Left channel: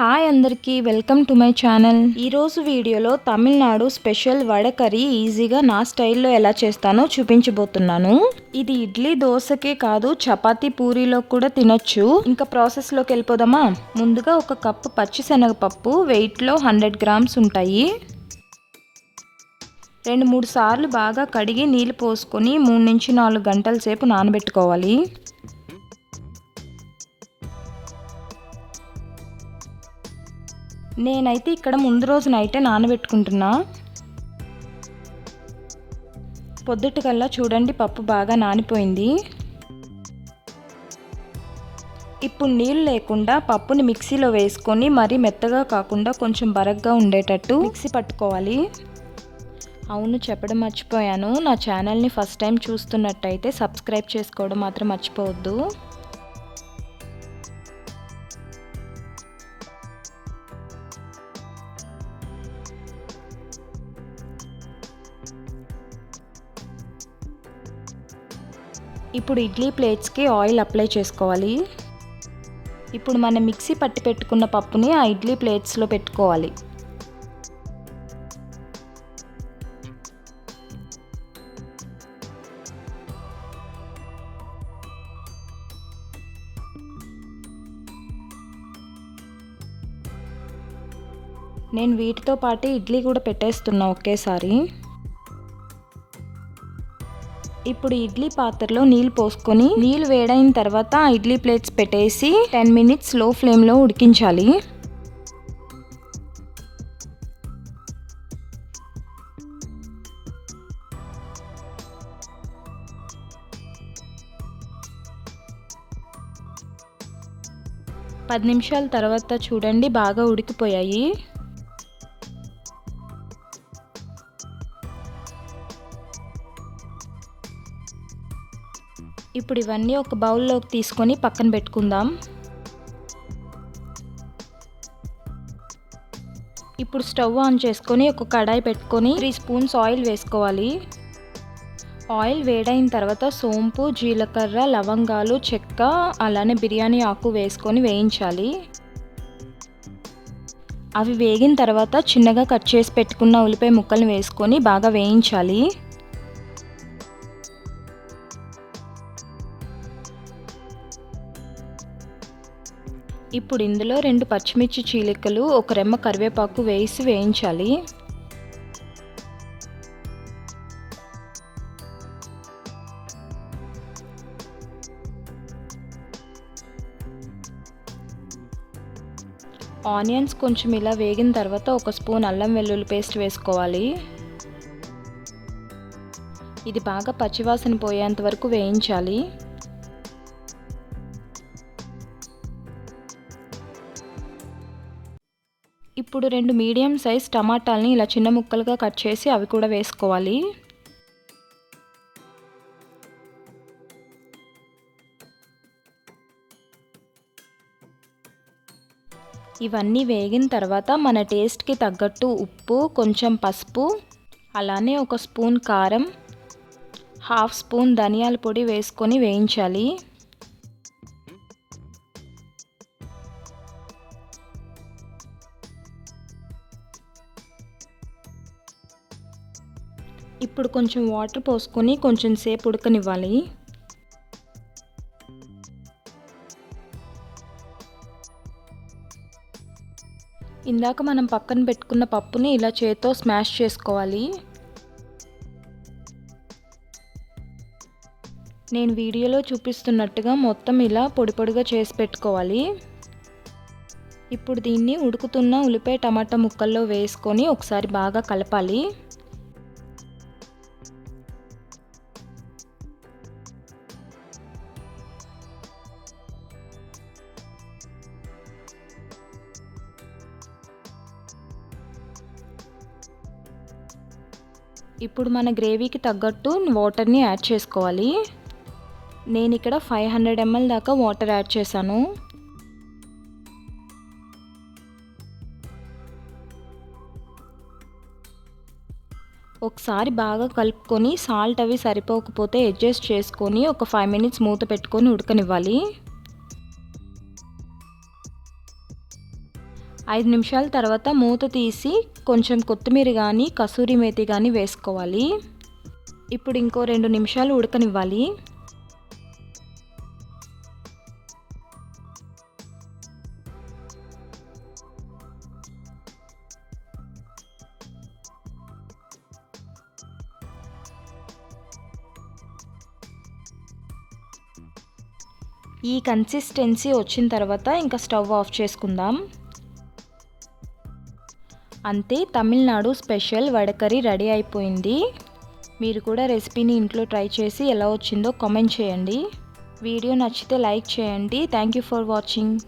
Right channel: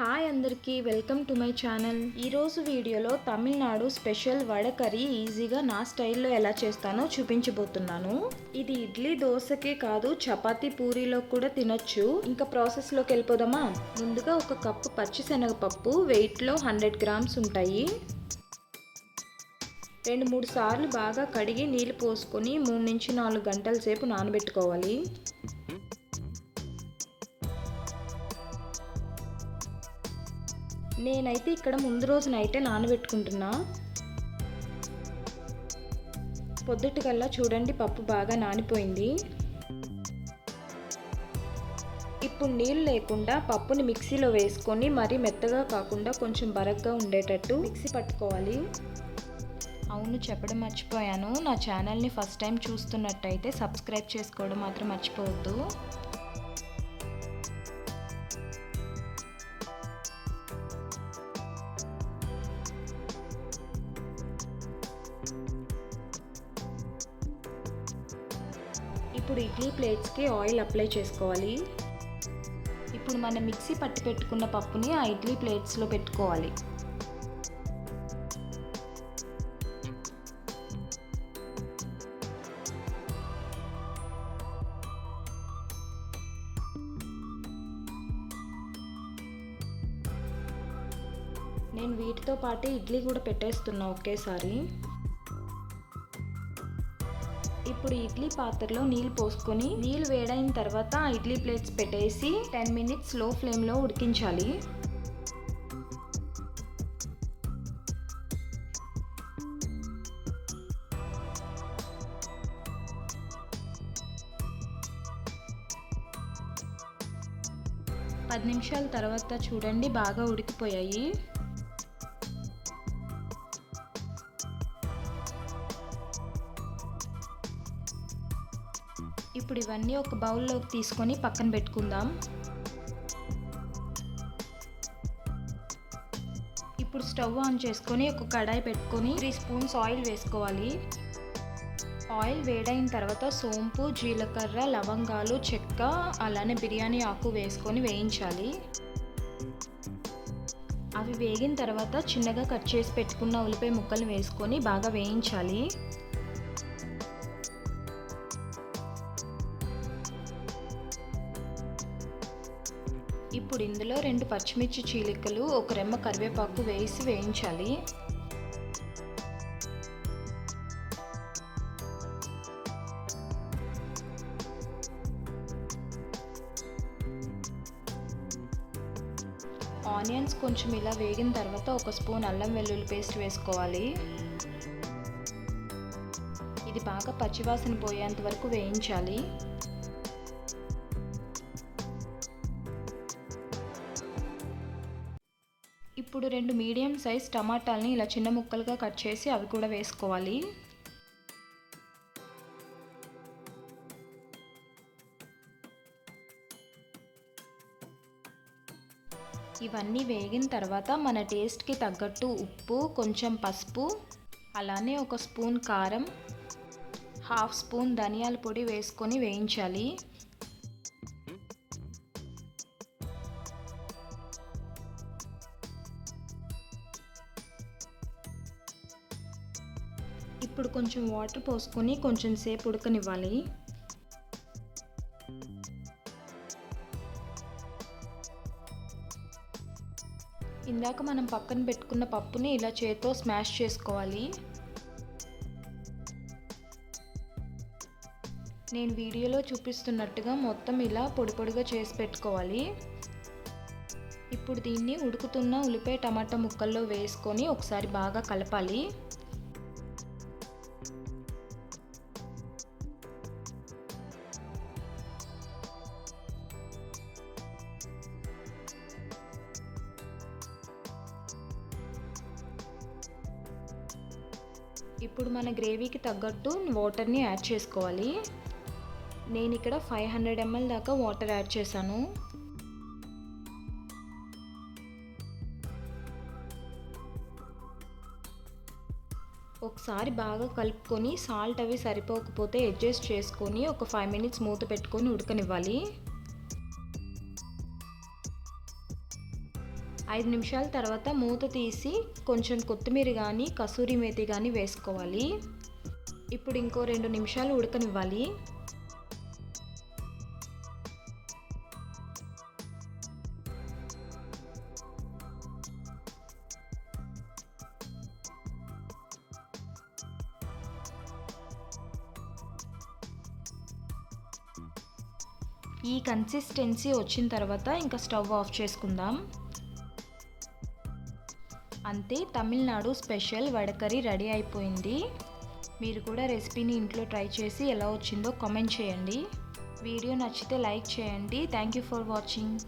Hi అందరికీ welcome to my channel. ఈరోజు వీడియోలో తమిళనాడు స్పెషల్ వడ కర్రీ ఈజీగా నా స్టైల్లో ఎలా చేస్తానో చూపించబోతున్నాను. ఇది ఇడ్లీ దోశకే కాదు చపాతి పూరీలో కూడా తినొచ్చు. ఇంకా ప్రాసెస్లోకి వెళ్ళిపోదామా? ముందుగా ఒక కప్పు పచ్చిశనగపప్పు వెయిట్లో హండ్రెడ్ గ్రామ్స్ ఉంటాయి. రెండు మూడు సార్లు బాగా కడిగి నీళ్ళు పోసుకొని మూడు నుంచి నాలుగు గంటల సేపు నానబెట్టుకోవాలి. నేనైతే ఇక్కడ ముందు రోజు నైటే నానబెట్టుకుంటున్నా. పొద్దుటికల్లా చూడండి పప్పు బాగా నానిపోయింది. ఇప్పుడు నీళ్ళు లేకుండా పప్పుని మిక్సీలో వేసుకొని మరీ మెత్తగా కాకుండా కొంచెం బరగ్గా ఉండేటట్టు మిక్సీ పట్టుకోవాలి. అవును చెప్పడం మర్చిపోయాను. నా ఛానల్ని ఫస్ట్ టైం చూస్తున్నట్టయితే సబ్స్క్రైబ్ చేసుకోవడం మాత్రం మర్చిపోవద్దు. ఇప్పుడు ఇడ్లీ ప్లేట్స్కి ఆయిల్ అప్లై చేసుకోవాలి. ఇప్పుడు మనం మిక్సీ పట్టి పెట్టుకున్న పప్పుని ఆ ఇడ్లీ ప్లేట్స్లో పెట్టుకోవాలి. నేను వీటితో పాటు ఇడ్లీ కూడా పెట్టేస్తున్నా ఒకేసారి. ఇప్పుడు ఇడ్లీ పాత్రలో నీళ్ళు పోసుకొని నీళ్ళు వేడైన తర్వాత ఇడ్లీ ప్లేట్స్ పెట్టేసి టెన్ మినిట్స్లో ఫ్లేమ్లో ఉడికించాలి. పది నిమిషాల తర్వాత చూడండి బాగా ఉడికిపోయాయి. ఇప్పుడు ఇవన్నీ ఒక బౌల్లోకి తీసుకొని పక్కన పెట్టుకుందాం. ఇప్పుడు స్టవ్ ఆన్ చేసుకొని ఒక కడాయి పెట్టుకొని త్రీ స్పూన్స్ ఆయిల్ వేసుకోవాలి. ఆయిల్ వేడైన తర్వాత సోంపు జీలకర్ర లవంగాలు చెక్క అలానే బిర్యానీ ఆకు వేసుకొని వేయించాలి. అవి వేగిన తర్వాత చిన్నగా కట్ చేసి పెట్టుకున్న ఉల్లిపాయ ముక్కలు వేసుకొని బాగా వేయించాలి. ఇప్పుడు ఇందులో రెండు పచ్చిమిర్చి చీలికలు ఒక రెమ్మ కరివేపాకు వేసి వేయించాలి. ఆనియన్స్ కొంచెం ఇలా వేగిన తర్వాత ఒక స్పూన్ అల్లం వెల్లుల్లి పేస్ట్ వేసుకోవాలి. ఇది బాగా పచ్చివాసన పోయేంత వరకు వేయించాలి. ఇప్పుడు రెండు మీడియం సైజ్ టమాటాలని ఇలా చిన్న ముక్కలుగా కట్ చేసి అవి కూడా వేసుకోవాలి. ఇవన్నీ వేగిన తర్వాత మన టేస్ట్కి తగ్గట్టు ఉప్పు కొంచెం పసుపు అలానే ఒక స్పూన్ కారం హాఫ్ స్పూన్ ధనియాల పొడి వేసుకొని వేయించాలి. ఇప్పుడు కొంచెం వాటర్ పోసుకొని కొంచెం సేపు ఉడకనివ్వాలి. ఇందాక మనం పక్కన పెట్టుకున్న పప్పుని ఇలా చేత్తో స్మాష్ చేసుకోవాలి. నేను వీడియోలో చూపిస్తున్నట్టుగా మొత్తం ఇలా పొడి పొడిగా చేసి పెట్టుకోవాలి. ఇప్పుడు దీన్ని ఉడుకుతున్న ఉల్లిపాయ టమాటా ముక్కల్లో వేసుకొని ఒకసారి బాగా కలపాలి. ఇప్పుడు మన గ్రేవీకి తగ్గట్టు వాటర్ని యాడ్ చేసుకోవాలి. నేను ఇక్కడ ఫైవ్ హండ్రెడ్ ఎంఎల్ దాకా వాటర్ యాడ్ చేశాను. ఒకసారి బాగా కలుపుకొని సాల్ట్ అవి సరిపోకపోతే అడ్జస్ట్ చేసుకొని ఒక ఫైవ్ మినిట్స్ మూత పెట్టుకొని ఉడకనివ్వాలి. ఐదు నిమిషాల తర్వాత మూత తీసి కొంచెం కొత్తిమీర కానీ కసూరి మేతి కానీ వేసుకోవాలి. ఇప్పుడు ఇంకో రెండు నిమిషాలు ఉడకనివ్వాలి. ఈ కన్సిస్టెన్సీ వచ్చిన తర్వాత ఇంకా స్టవ్ ఆఫ్ చేసుకుందాం. అంతే తమిళనాడు స్పెషల్ వడకర్రీ రెడీ అయిపోయింది. మీరు కూడా రెసిపీని ఇంట్లో ట్రై చేసి ఎలా వచ్చిందో కామెంట్ చేయండి. వీడియో నచ్చితే లైక్ చేయండి. Thank you for watching.